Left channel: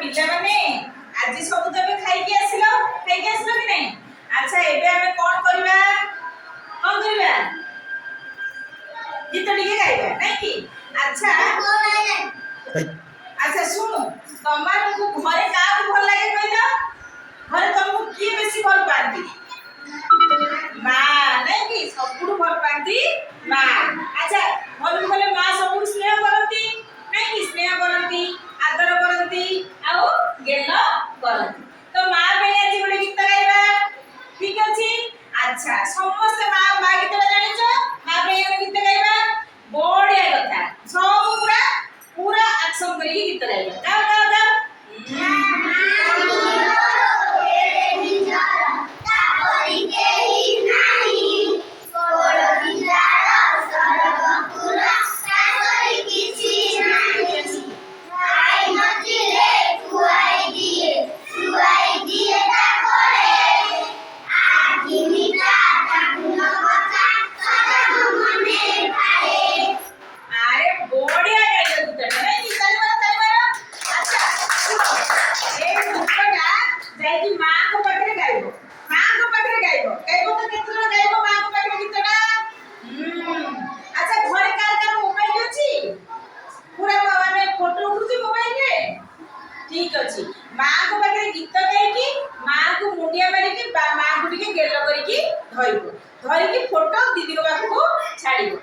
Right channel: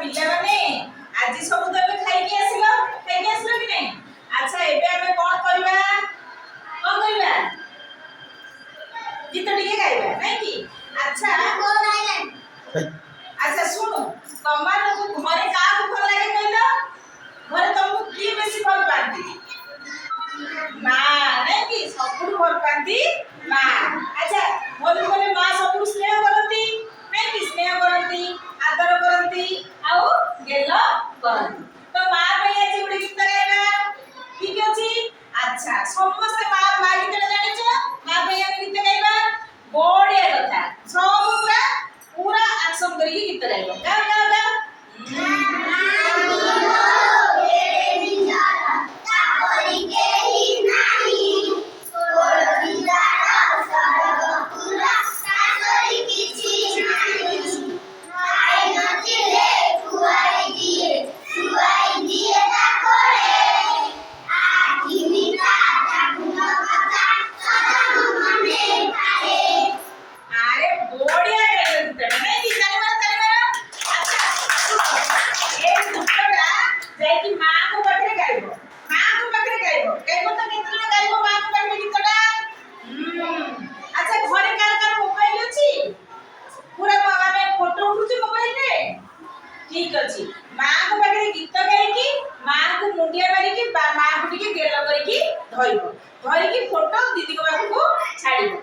पिला माने आज सब तो बे खाई के आसिलो कि नहीं। अच्छा एबे हमें कोन करबा गीत टिके गाइबा नहीं कि। अच्छा अच्छा सुनु तमार को घरे का भल लागे कहलो घरे तुमको की बेसी भल पाती मां नहीं कि सबुठु भल पाती मां। अच्छा भल बोले मां सबुठु स्नेह करती नहीं कि स्नेह करती आदर करती आउ गेल करती तो मां पे आज गोटे गीत गाइबा ठीक अछि। अच्छा समस्त मां गीत जानि छ मां पे गीत गाइबा बढ़िया कथा सब पूरा एक्शन करी गीत गाइबा गाओ गाओ गाओ ठीक अछि मां को पाखे गीत गाई कि मां को मुंडिया मारी कि मां को टिके गेल करी कि धरिबो धरि कि फोटो दीदी को पाखु छाड़िबो।